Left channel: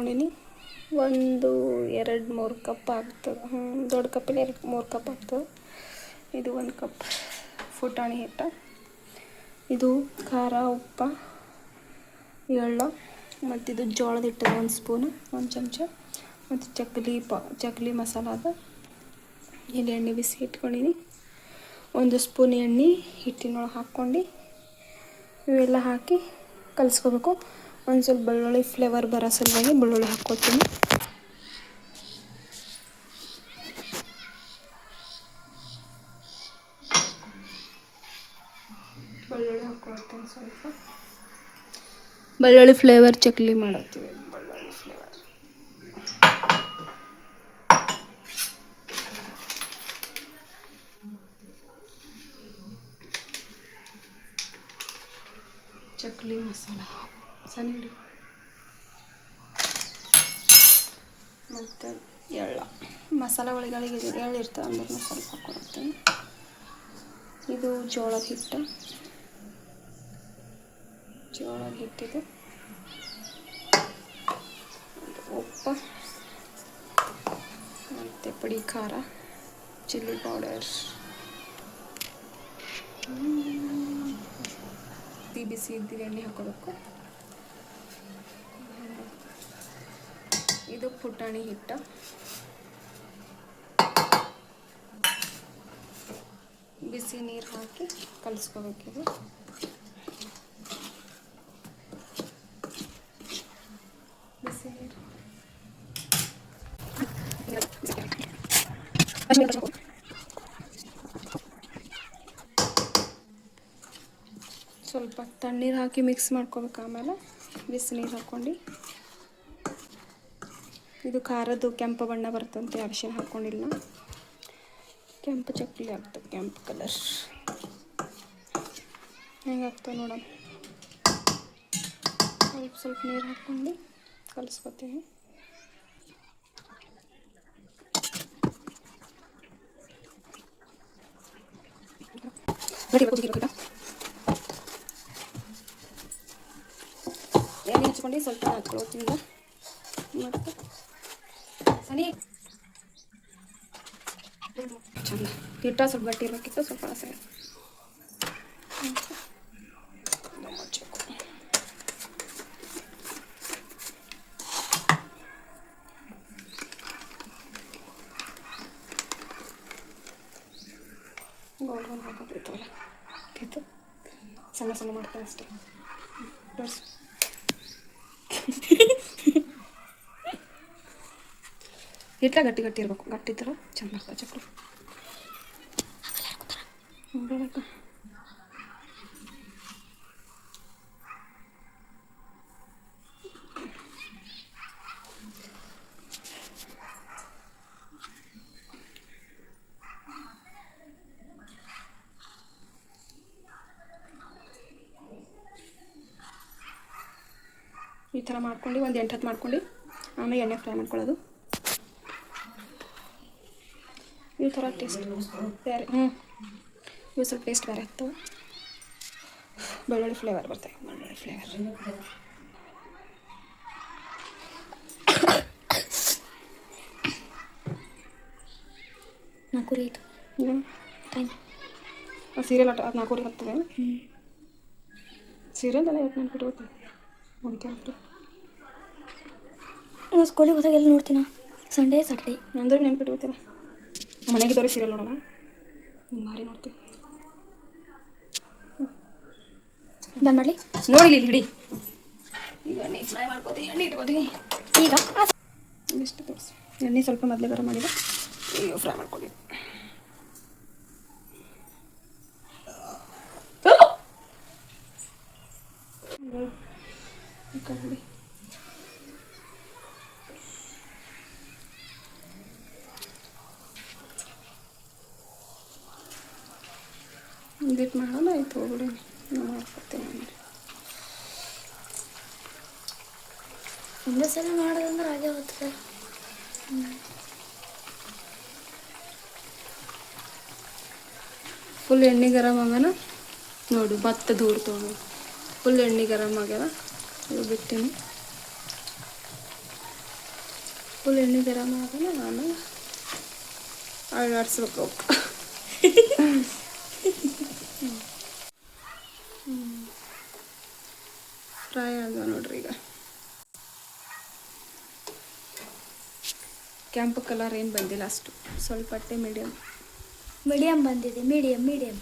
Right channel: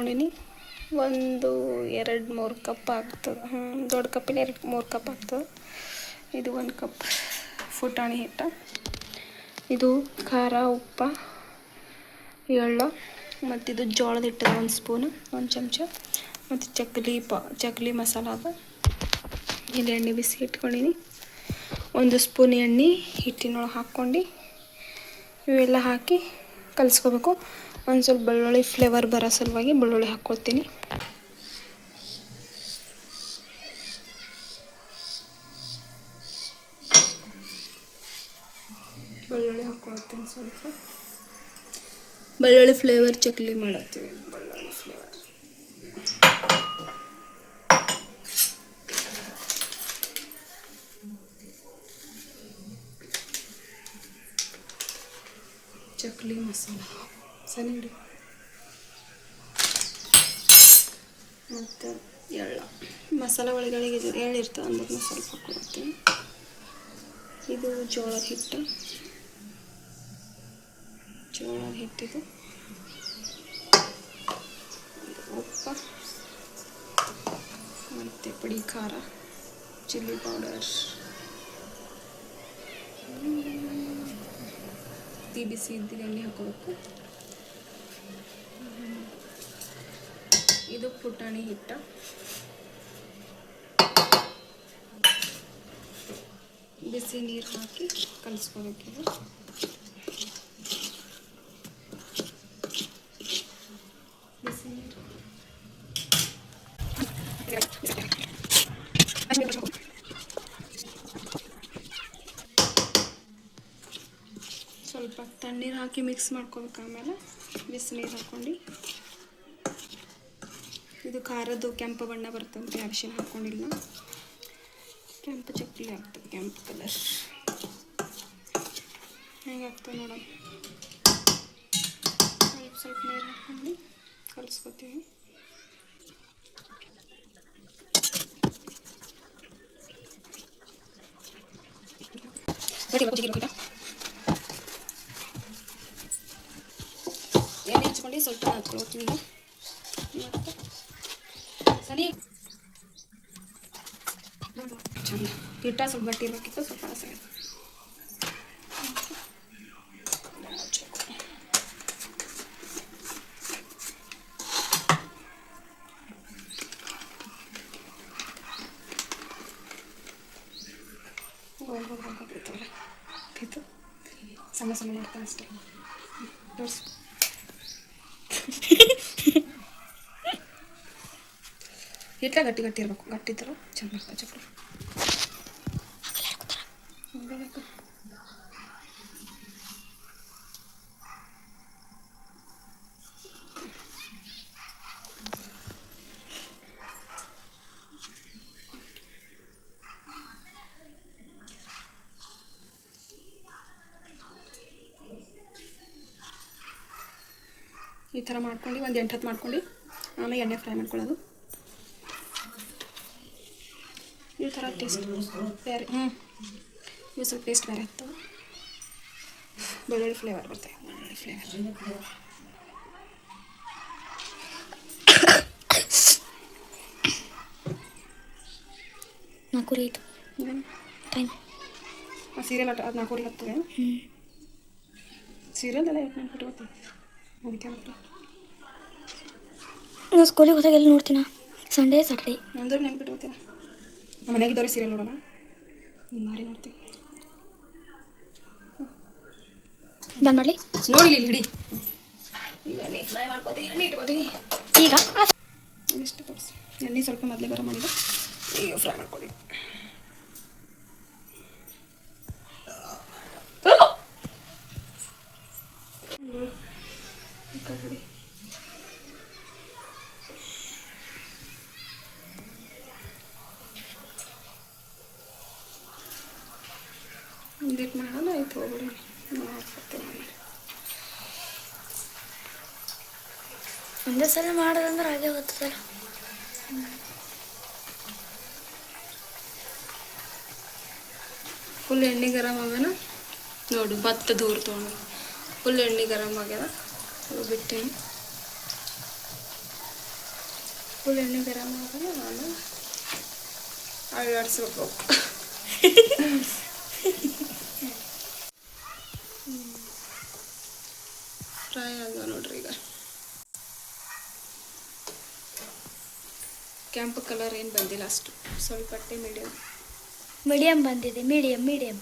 ತೊಗೊಂಡಿನಿ. ಒಂದು 2-3 ಕಪ್ ಆಗ್ತದೆ. ದೊಡ್ಡ ಕಪ್ಪಲ್ಲಿ 2-3 ಕಪ್ ಆಗ್ತದೆ. ಇದು 1 ಕಪ್ ಪುಟಾಣಿ ಹಿಟ್ಟು. ಇದು ಖಾರ, ಉಪ್ಪು, ಎಳ್ಳು, ಮತ್ತು ಇದು ಜೋಳದ ಹಿಟ್ಟು 1 ಸ್ಪೂನ್, 1 ಚಮಚ, ಮತ್ತು ಚಕ್ಲಿ ಮಸಾಲ ಅದು. ಇಲ್ಲಿ ಎಣ್ಣೆ ಬಿಸಿ ಇಟ್ಕೊಂಡಿನಿ. 1 ಸ್ಪೂನ್ ಎಣ್ಣೆ ಹಿಟ್ಟಿನೊಳಗೆ ಹಾಕ್ಕೊಂಡು ಇವೆಲ್ಲ ಹಾಕಿ ಕಲಿಸ್ಕೋಬೇಕು. ಒಂದು ಸ್ವಲ್ಪ ಬೆಳ್ಳುಳ್ಳಿ ಫ್ಲೇವರ್ ಬರೋ ಸಲುವಾಗಿ ಬೆಳ್ಳುಳ್ಳಿ ಹಾಕ್ಕೋತೀನಿ. ಬೆಳ್ಳುಳ್ಳಿ ಹಾಕ್ಕೊಳ್ತೀನಿ ಸ್ವಲ್ಪ. ಬೆಳ್ಳುಳ್ಳಿ ಫ್ಲೇವರ್ ಚಕ್ಲಿ ಮಾಡ್ತೀವಿ. ಬೆಳ್ಳುಳ್ಳಿ ಫ್ಲೇವರ್ ಚಕ್ಲಿ ಮಸಾಲ ಸಣ್ಣ ಮತ್ತು ಎಳ್ಳು. ಮಸಾಲ ಒಳಗಳಿಗೆ ಎಳ್ಳು ಇರ್ತವೆ ಅಂದ್ರೆ ಸ್ವಲ್ಪ ಹಾಕ್ಕೊಳ್ತೀನಿ. ಇದು ಜೋಳದ ಹಿಟ್ಟಿದು. ಉಪ್ಪು ಮತ್ತು ಪುಡಿ ಖಾರ, ಚಿಲ್ಲಿ ಪೌಡರ್, ಬಿಸಿ ಇದ್ದಿದ್ದು ಎಣ್ಣೆ ಹಾಕೋಬೇಕು. ಇದು ಪುಟಾಣಿ ಹಿಟ್ಟು. ಬಿಸಿ ನೀರು ಹಾಕಿ ಕಲಿಸ್ಕೋಬೇಕಿದು. ಬಿಸಿ ನೀರು ಸ್ವಲ್ಪ ತಣ್ಣೀರು ಹಾಕಿ ಮಿಕ್ಸ್ ಮಾಡ್ಕೋಬೇಕು. ಆಮೇಲೆ ಬಿಸಿ ನೀರು ಹಾಕ್ಕೊಂಡು ಇದು ಖಾರದ್ದು ಕೆಂಪು ಬಣ್ಣ ಬರ್ತಂತೆ. ಅರಿಶಿನ ಹಾಕ್ಕೊಂಡಿಲ್ಲ. ಕೆಂಪು ಚಕ್ಲಿ ಆಗ್ತದೆ, ಕೆಂಪು ಕಲರ್ ಹೆಂಗೆ ಆಗ್ತದೆ ನೋಡೋಣ. ಸ್ವಲ್ಪ ನೀರು ಹಾಕ್ಕೊಂಡು ಕಲಿಸ್ಕೊತೀನಿ. ಎಣ್ಣೆ ಹಚ್ಕೊಂಡು ಸ್ವಲ್ಪ ಹಾಕ್ಕೊಳ್ತೀನಿ. ಮತ್ತು ಸನಿ ಹಿಟ್ಟ ಸ್ವಲ್ಪ ಗಟ್ಟಿ ಇರಬೇಕಿತ್ತು, ಸ್ವಲ್ಪ ಸರಿ. ಗೋಲ್ ಹಾಕೋಬಿಡ್ತಲ್ಲ ಇದು ಸಣ್ಣ ಸಣ್ಣ ಮಾಡ್ತಾನೆ ಅಷ್ಟೇ. ಹಿಟ್ಟ ಗಟ್ಟಿ ಇರಬೇಕು. ಗಟ್ಟಿ ಥರ ಚೆನ್ನಾಗಿ ಚಕ್ಲಿ ಬೇಕು. ಈ ಥರ ಮಾಡ್ಕೊಂಡು ಒಂದು 8-10 ಮಾಡ್ಕೊಂಡು ಆಮೇಲೆ ಎಣ್ಣೆ ಫ್ರೈ ಮಾಡ್ಕೊಳ್ಳೋದು. ಈ ಥರ ಟೇಸ್ಟ್ ಬೇರೆ. ಇವು ಸ್ವಲ್ಪ ಟೇಸ್ಟ್ ಬೇರೆ ಇತ್ತು. ಬೆಳ್ಳುಳ್ಳಿ ಫ್ಲೇವರ್ ಬರ್ತದೆ. ಬೆಳ್ಳುಳ್ಳಿ ಫ್ಲೇವರ್ ನಾಲ್ಕೂವರೆ ಆಯಿತು ಟೈಮ್. ಸೀರಿಯಲ್ ಅದು 4:30 ಆಗ್ತದೆ. ಸೀರಿಯಲ್ ಎಲ್ಲ ನೆನ್ಪಿಟ್ಟು ಗೊತ್ತೀನಿ ನೋಡ್ಕೊಂಬಿಟ್ಟು. ನಾನು ಸ್ಕೂಲಿಗೆ ಹೋದಾಗ ಎಲ್ಲಿ ನೋಡ್ತೀನ? ಸಂಡೇ ಸಾಟರ್ಡೇ ಅಂದ್ರೆ ನೆನ್ಪಿಟ್ಟು ಗೊತ್ತಿಲ್ಲ. ನಮ್ಮ ಮನೆಗಿದ್ದವ್ರೆ ಸೀರಿಯಲ್ ನೋಡೋಣ. ಮಾರಿ ನೋಡ್ತೀವಿ. ಬಂದ್ ಮಾಡಲಿ ನೋಡಿ ಇಲ್ಲಿ ಹಿಡಿ. ಈಗ ಎಣ್ಣೆ ಫ್ರೈ ಮಾಡ್ಕೋತೀನಿ. ಎಣ್ಣೆ ಇಟ್ಕೋತೀನಿ. ಈಗ ಇಷ್ಟು ತೋರಿಸಿ. ಎಣ್ಣೆ ಸ್ವಲ್ಪ ಮೊದಲೇ ಗರಂ ಮಾಡಿದೆ. ಈಗ ಫ್ರೈ ಮಾಡ್ಕೋತೀನಿ. ಇದಕ್ಕೆ ಮಾಡೋಣ. ಆಯ್ತು ಹೋಗ್ಬಿಡಿ. ಮಾಡ್ಕೊತೀನಿ. ಒಂದೇ ಸಲ ಮಾಡೋದಂದ್ರೆ ಹಾಗೆ ಹೋಗ್ತದಲ್ಲ. ಫುಲ್ ಎಣ್ಣೆ ಗರಂ ಆಗ್ಯಾನ ನೋಡು. ಭತ್ತ ದೂರ ತೊಗೊಂಡು ಫುಲ್ ಎಣ್ಣೆ ಗರಂ ಆಗ್ಯಾದ. ಅದು ಬಿಟ್ಟಿನಿ. ಫುಲ್ ಎಣ್ಣೆ ಗರಂ ಆಗೋಣ ಆಮೇಲೆ ಅಳ್ಳಾಡಿಸ್ಬೇಕು. ಫ್ರೈ ಆಗ ನೋಡ್ರಿ. ಈಗ ಕೆಂಪು ಕಲರ್ ಏನು ಬಂದಿಲ್ಲ, ಅಷ್ಟು ಸ್ವಲ್ಪ ಮೀಡಿಯಮ್ ಬಂದಿದೆ. Medium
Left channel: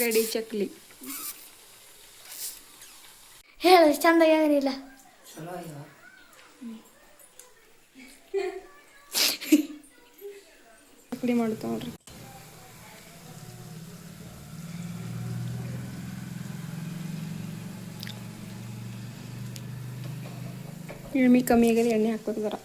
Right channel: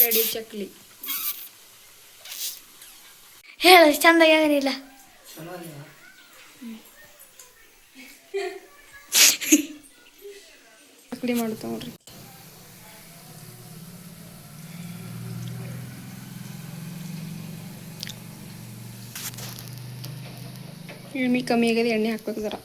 ready chakli. ಹೇಳು ಚಂದಾಗಿ ಆಗಲಿಲ್ಲ. ಚಕ್ಲಿ ಮಾಡ್ತಾವ ನೋಡ್ರಿ. ಎಣ್ಣೆ ಕಮ್ಮಿ ಆಗಿದೆ, ಎಣ್ಣೆ ಹಾಕ್ಬೇಕು ಜರ.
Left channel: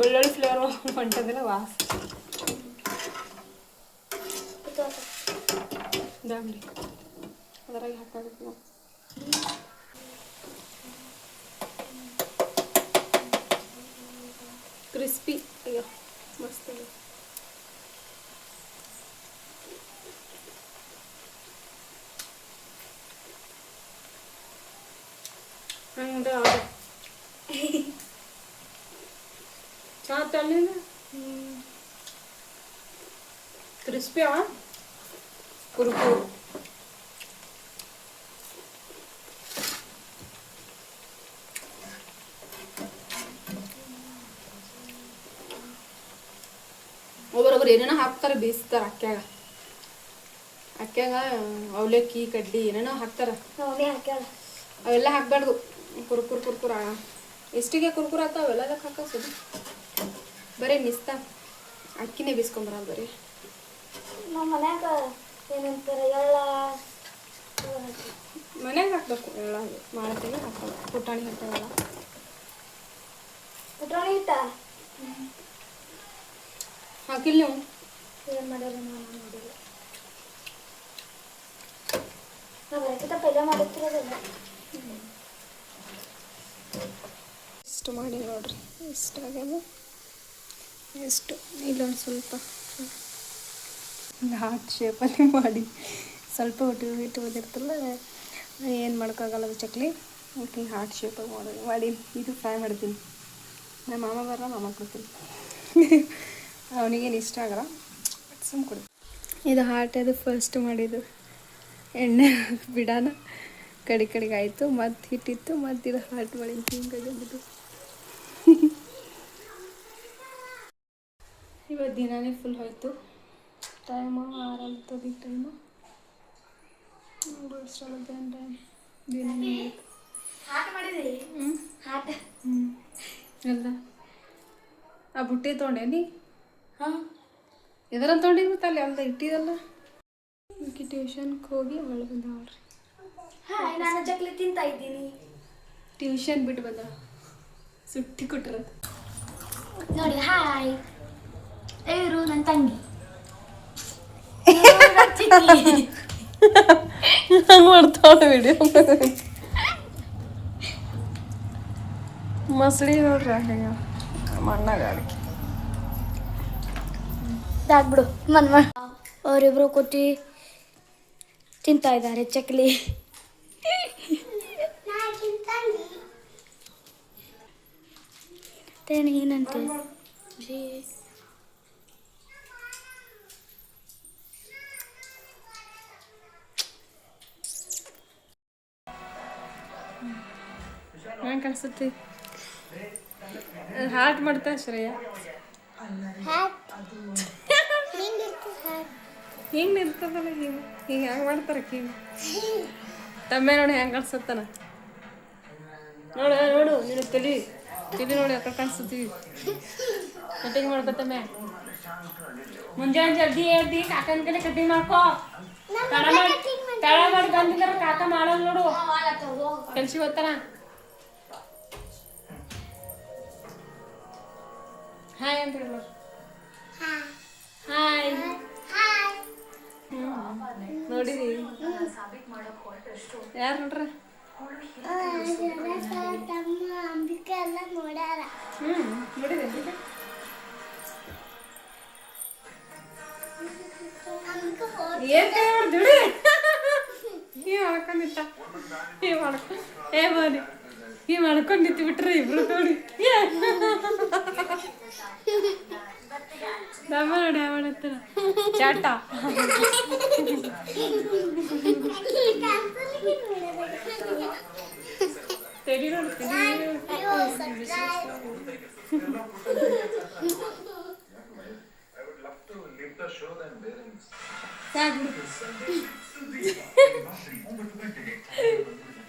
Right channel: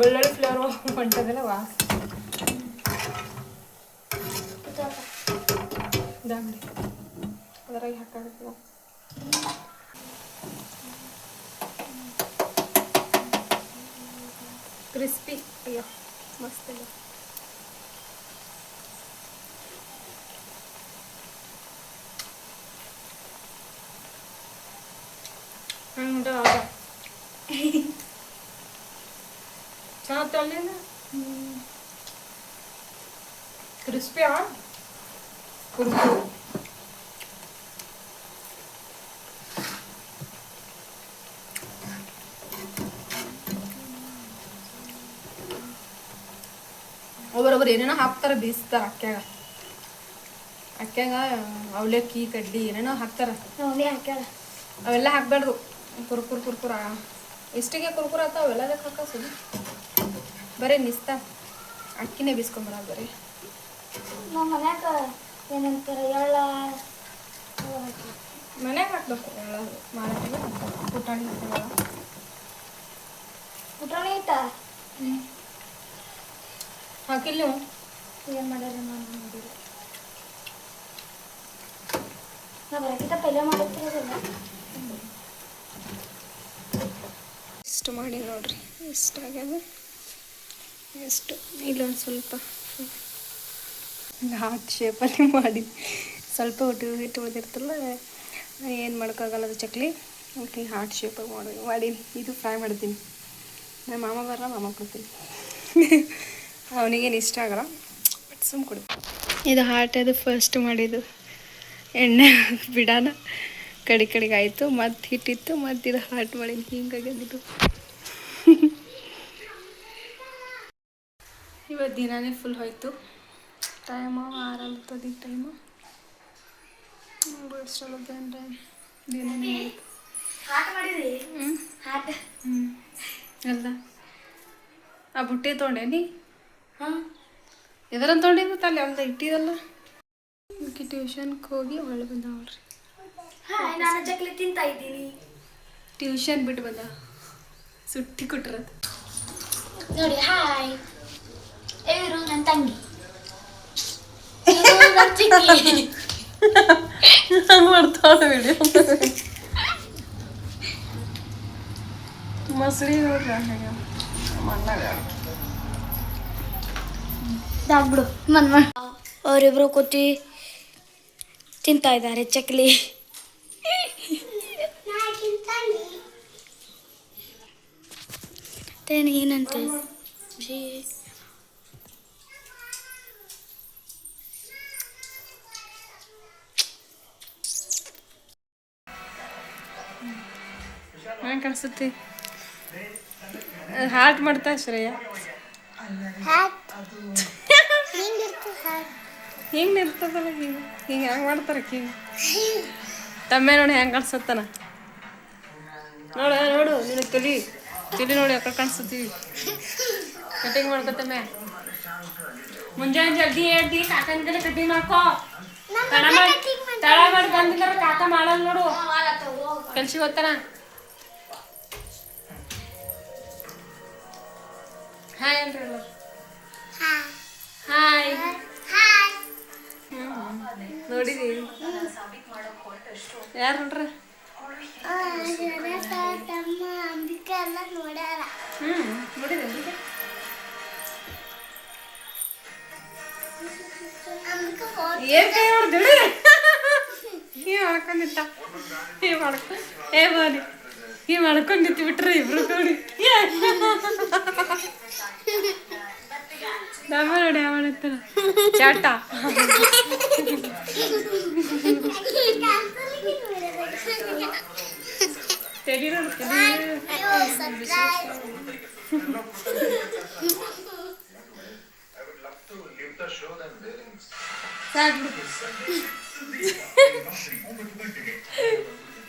ಬೆಳ್ಳುಳ್ಳಿ ಫ್ಲೇವರ್ ಹೊಂಟದಲ್ಲ ವಾಸ. ಅದ್ರಾಗ ಹಾಕಬೇಕು. ಕ್ರಿಸ್ಪಿ. ಅಯ್ಯೋ ಮಸ್ತ್ ಇದೆ. ಚಾ ತಳ್ಳಿನ ಕ್ರಿಸ್ಪಿ ಕುರುಕುರು. ಒಬ್ಬರೊಬ್ಬರು ಏನೇನೋ ಹಾಕ್ತಾರೆ, ಬೀಸ್ತಾರೆ ಅಕ್ಕ್ಯಾಗ ಅವಲಕ್ಕಿ ಕಡ್ಲಿ ಏನೇನೋ ಹಾಕ್ತಾರೆ. ಅವೆಲ್ಲ ಹಾಕ್ಬಾರ್ದು. ಕುರ್ಕುರ ಎಷ್ಟಿಗೆ ಕುರ್ಕುರ ಆತ ಅವೆಲ್ಲದಕ್ಕೆ ಹಾಕೋದು. ಬರೀ ನಿಸ್ತಾ ಅಕ್ಕಿನೇ ಬೀಸ್ಕೊಂಬರ. ಬರೀ ನಮ್ಮ ಮನ್ಯಾಗ ಏನಂತಾರೆ ಎಳ್ಳ ಮನ್ಯಾಗ ಹಾಕ್ಬೇಕು. ಎಳ್ಳ ಮಾಡ್ತೀವಿ, ಪುಟಾಣಿ ಹಾಕ್ತಾವಲ್ಲ. ಪುಟಾಣಿ ಹಿಟ್ಟ ಹಾಕಿಲ್ಲ ನೀವು? ಏನು ಮಾಡ್ಯಾರ ನಾನು ನೋಡಿಲ್ಲ. ನಾ ಬರೋಕ್ಕಿಂತ ಪೈಲೆ ಮಾಡುತ್ತಿರೋದಿಲ್ಲ. ಇಷ್ಟು ಮಾಡಿ ನೋಡ್ರಿ, ಇಷ್ಟ ಆಗ್ಯದ. ಎಷ್ಟು ಇಲ್ಲೊಂದು ಸ್ವಲ್ಪ ಹಾರ್ಟ್ ಶೇಪಲ್ಲಿ ಮಾಡಿ, ಸ್ವಲ್ಪ ಹಿಟ್ಟು ಉಳಿದಿರ್ತಲ್ಲ, ಏನು ಮಾಡೋಕ್ಕಾಗಲ್ಲ. ಅದು ಚಕ್ಲಿ ಓಕೆ ಹಾರ್ಟ್ ಶೇಪಾಗಿ ಮಾಡಿ ಇದು ಫ್ರೈ ಮಾಡ್ತೀನಿ. ನಮ್ಮ ಮಾಮ ಬರಲ್ಲ, ಮಾಮ ಕೊಡ್ತೀನಿ. ಅವನಿಗೇನು ಇಷ್ಟ ಆಗಲ್ಲ, ಬಟ್ ಸುಮ್ಮ ಕೊಡು. ಇದು ಹಾರ್ಟ್ ಅದು ಫಸ್ಟ್ ಮಾಡಿದ್ದು. ಎಣ್ಣೆ ಬಿಡೋಣ ಕಡೆಗೆ ಆಯಿತು. ಮತ್ತು ಹಿಟ್ಟಿತ್ತು, ಮತ್ತು ಇದು ಹಾರ್ಟ್ ಮಾಡಿದ್ದು. ಹಿಂಗಾಗಿದ್ದು ಇವತ್ತು ದಿನಾನೇ ಫುಲ್ ಹೋಯ್ತು. ಟೈಮು 6 ಟೈಮು ಬಿಡಿಸೋದು ಅಂದರೆ ದಿನನೇ ಹೋಯ್ತು. ಅಲ್ಲ ಆ ಬುಟ್ಟಿ ತೊಗೊಂಡೇನಿ. ಎದರ ತೊಗೊಂಡಿದ್ದು ಅಲ್ಲಿ ಅಲ್ದ ಇಟ್ಟಿದಲ್ಲ. ಅದಕ್ಕೆ ಟ್ಯೂಷನ್ಗೆ ಹೋಗಿ ಒಳ್ಳೆ ಬಂದ ನೋಡ್ರಿ. ನಾನು ಚಕ್ಲಿ ತಿಂತಾ ಇದ್ದೀನಿ. ಟ್ಯೂಷನ್ ಬಿಟ್ಟು ಬಂದ, ಸುಟ್ಟಿ ಕೊಟ್ಟಿರೋದು ನೋಡಿ. ಹಾಯ್, ಇವರು ನನ್ನ ತಂಗಿ. ಹಂಗೆ ಮಾಡ್ತಾಳೆ ವಿಡಿಯೋ. ಮಸಳಿ ನೋಡ್ರಿ ಹಂಗೆ ಮಣ್ಣಾಗ ಇದಾಗ್ಬಿಡು. ಅವರಿಬ್ರು ಕೂತಿ ತಿಂತಾ ಇದ್ದಾರೆ ಚಕ್ಲಿ. ಏನಂತೆ ಹಂಗೆ ಕಾಣಿಸುತ್ತೆ. ಹಾರ್ಟ್ ಮಾಡ್ತಾ ಶ್ರೇಯ. ಹಿಂಗೆ ನಿರ್ತದಲ್ಲ, ಹಿಂಗೆ ಹ್ಯಾಂಗೆ ಮಾಡ್ತಾರೆ ಹಿಂಗೆ. ತಮ್ಮೆ ನೋಡಿ ಹೆಂಗೆ ಕಾಣಿಸುತ್ತಾನ. ನೋಡು ನೀನು ತಲಿ ನೋಡಿ ಯಾಕೆ ಕಾಣಿಸ್ತೀವಿ. ಕಟಿಂಗ್ ಮಾಡ್ಕೊತಮ್ಮೆ. ಮುಂಜಾನೆ ಜಲ್ದಿ ಹೇಳ್ತಿ ಕಾಕನ ಕಡೆ ಕಟಿಂಗ್ ಮಾಡ್ಕೋ. ತಡ ಮಾಡಿ ಬಂದಿದ್ದಾರೆ ಕಾಕ ಮಾಡಲ್ಲ ನೋಡು. ಕೆಲ್ಸಿಗೆ ಹೋಗ್ತಾನ. ಹಾಯ್ ಅಂದ್ರೆ ಹಾಯ್. ನೋಡಿರಿ ಯಾರು ನೋಡ್ರ ತಮ್ಮ ಅಂಬಿಕೆ ಎಲ್ಲ ನೋಡ್ಯಾರ. ನೋಡಿರಿ ಅಂಬಿಕೆ ಏನ್ ಕೈ ಮಾಡ್ದಿಡಿ ಮಾಡ್ಕೊಂಡಿತ್ತ ಮಾಡ್ಕೊಂಡಿತ್ತು ಬಿಟ್ರಿ ಇಬ್ರು ನೋಡಿ ನೋಡಿ ಅವನತ್ತ ಚಾಟ ತೆಡಿ ನೋಡ್ತೀನಿ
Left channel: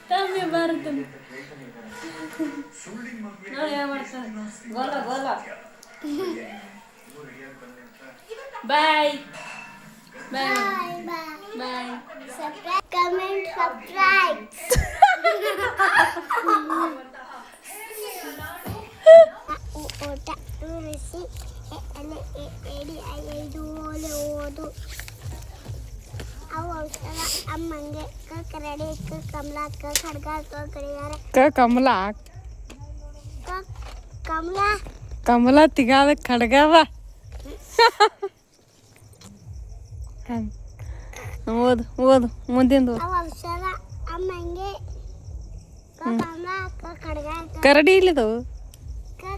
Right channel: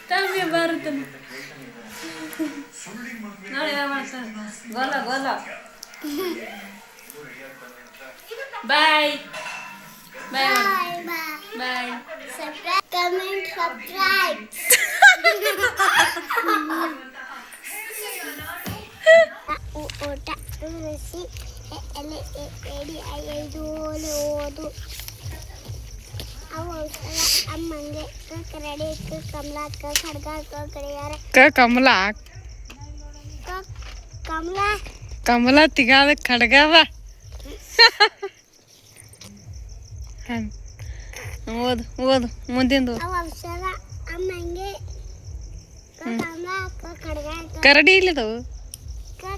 ತಮ್ಮಿ ಬರುತ್ತಾನೆ ನೋಡಿ ಯಾವ ಮಾಡ್ತಾನೆ ಗೋಲ ಗೋಲ ಬಾಯ್ ಬಾಯ್ ಬಾಯ್ Subscribe, comment, subscribe. ಊಟ ಉಳಿಸಿ ಎಲೆ ಎಡಿ ಐದು ಓದು ಅವು ಅಮ್ಮಂಗೆ ಕರಡಿ ಕಮಲ ಖಡ್ಗ ಕಡಿಯಾರ ಕಮಲ ಕಮಲ ಕಮಲ ತಿಗಾದ ಖಡ್ಗವ ಓದು ಓದು ಮುಂದಿಂದು ಅವು ಔಷಧ ಅಮ್ಮಂಗೆ ಕಮಲ ಖಡ್ಗ ಕರಡಿ ಇಲ್ಲದವು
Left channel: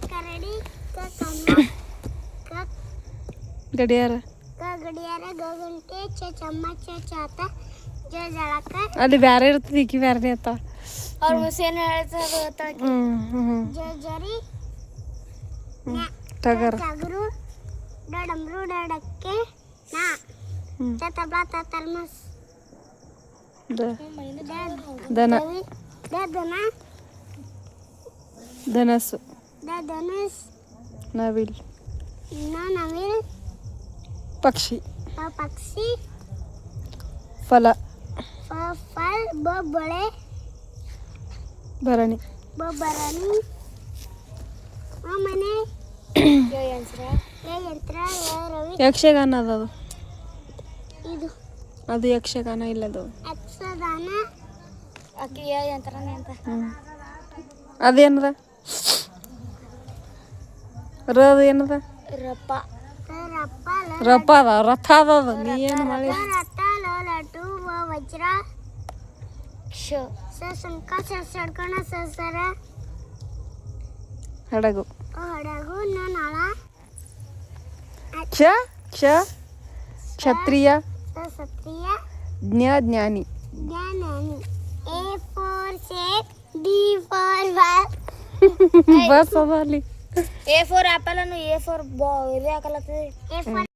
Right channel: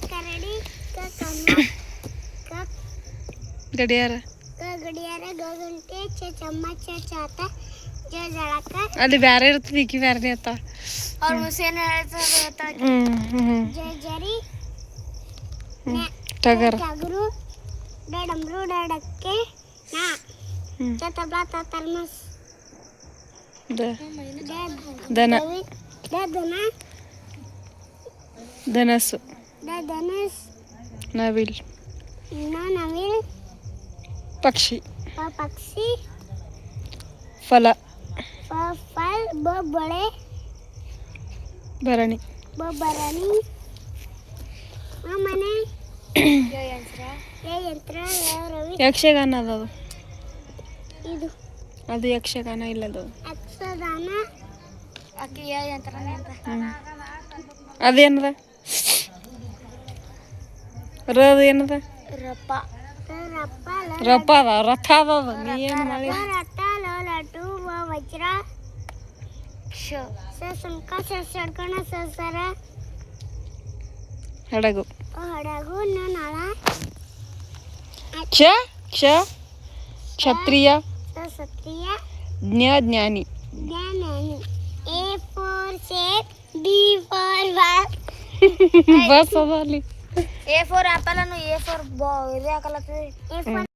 ಕರಡಿ ಕಮಲ ಗಡಿಯಾರ ಗಡಿಯಾರ ಗಂಟೆ ಚಮ್ಮಚ ಚಾತ ಜಳಕ ಅಲ್ಲಿ ಬ್ಯಾರೆ ಇರ್ತದ ಈಕಿ ಬ್ಯಾರೆ ಇರ್ತಾವ ಅವ್ರ ಮುಸೇನ ಹೇಳ್ತಾರೆ ಜರಿ ಟಗರ್ ಟಗರು ಡಡಂಬ್ರು ಡಡಕ್ಕೆ ನಾ ಚತಬ್ಲ ತರ್ಮಸ್ ದನ ದನ ಧನಸ್ಸು ಧನುಸ್ ನವಿಲ್ ನವಿಲ್ ಪಕ್ಷಿ ಪಕ್ಷಿ ಫಲ ಫಲ ಬೊಬ್ಬಳೆ ಭರಣಿ ಬೊಬ್ಬರಣಿ ಮನೆ ಯಂತ್ರ ರವಿ ಯಕ್ಷಗಾನ ಅದದು ಇದು ಅದು ಯಕ್ಷಗಾನ ಇಲ್ಲದು ಯಕ್ಷಗಾನ ಅಕ್ಕಿಯ ಯಂತ್ರ ಅದೇನದ ರದ ಏನದ ರಪ್ಪ ರಪ್ಪ ರಪ್ಪ ಅದ ರಥ ಅದ ನೀ ಏನು ಮಾಡಿ ರಥ ಲಟು ವಜ್ರ ಸಂಕ ಸಡ್ಕಣ ಸರ ಹಡಗು ಹಡಗು ನಾಳ ಕ್ಷ ಕ್ಷ ಕ್ಷತ್ರಿಯ ಸತ್ರಿಯ ಜ್ಞಾನಿ ಜ್ಞಾನಿ A for shape, B for ball. Bus ಅದ ಅಲ್ಲಿ A for apple and A for ball. A for